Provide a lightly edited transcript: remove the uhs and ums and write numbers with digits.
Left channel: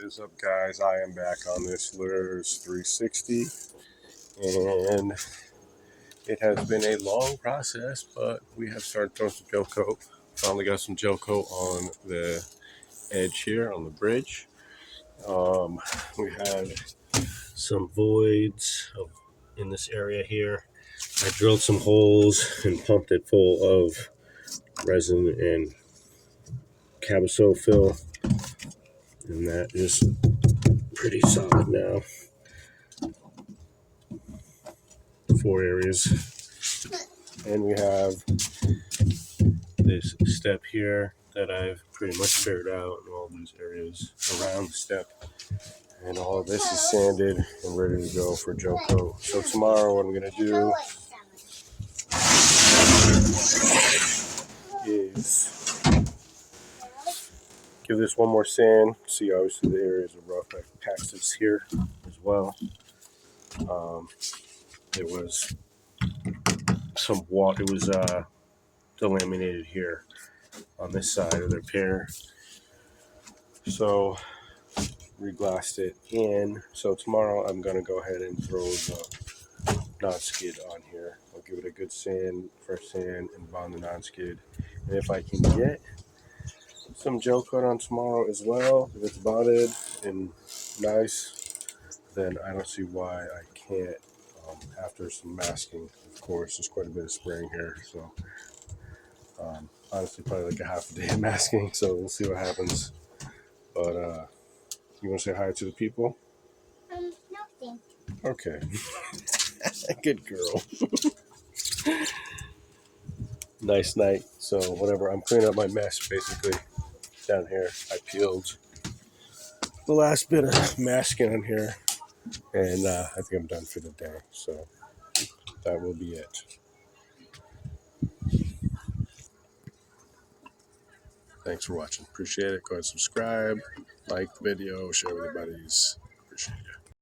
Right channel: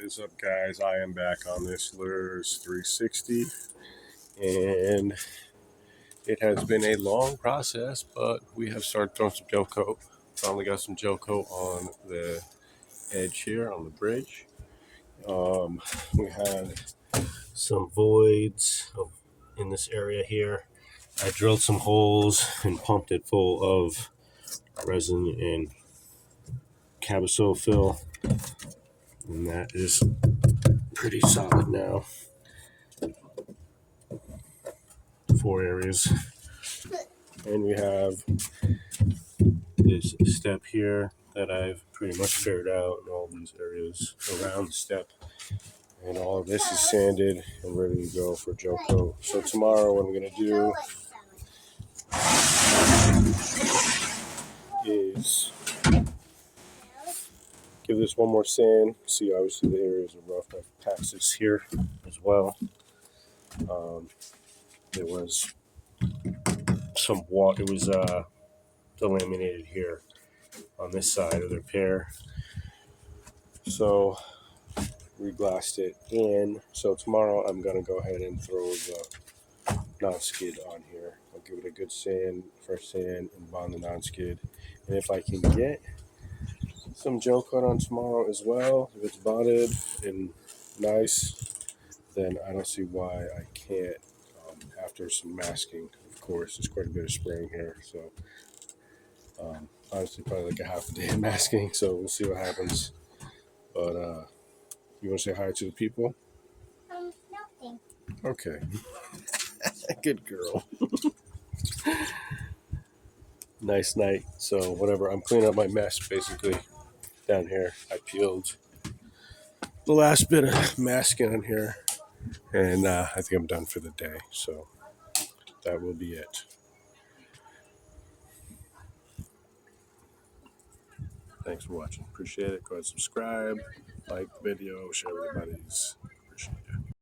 What is up, guys? I am back on this luhrs 360, and it has been a long process, but we have started throwing some gel coat. Finally got some gel coat on the edge here on the bridge. We had some voids in this area here. I drilled some holes and pumped it full of resin and cabasol fill, and that is pretty solid now. 4 areas, and we have this step here that I've pretty much figured out in all these areas around the step, and all of this is sanded and ready to go for gel coat. So tomorrow what I'm going to do is give this one more sand. See, obviously the areas are rough. I've patched this here as well. It was some water. It was delaminated here on this side of the repair, so reglassed it in. So tomorrow I'm gonna go ahead and throw the non-skid on here. I'll give it a good sand, fresh sand, and bond the non-skid. And if I can get some gel coat on tomorrow as well, if it's bonded and nice, then I don't see why I can't. After some masking, of course, there's quite a bit of spraying here, so honestly probably like a half a day of masking, so we'll see what happens. But you want to say hi to the people? No, thank you. Okay. Good girl. Nice night. So whatever, I'm cleaning up my mess basically down here. I peeled the last bit of masking in here, and I think I'm done for the day, so that will be it. Thanks for watching. Appreciate it. Go ahead and subscribe, like the video, share with your buddies. Appreciate it.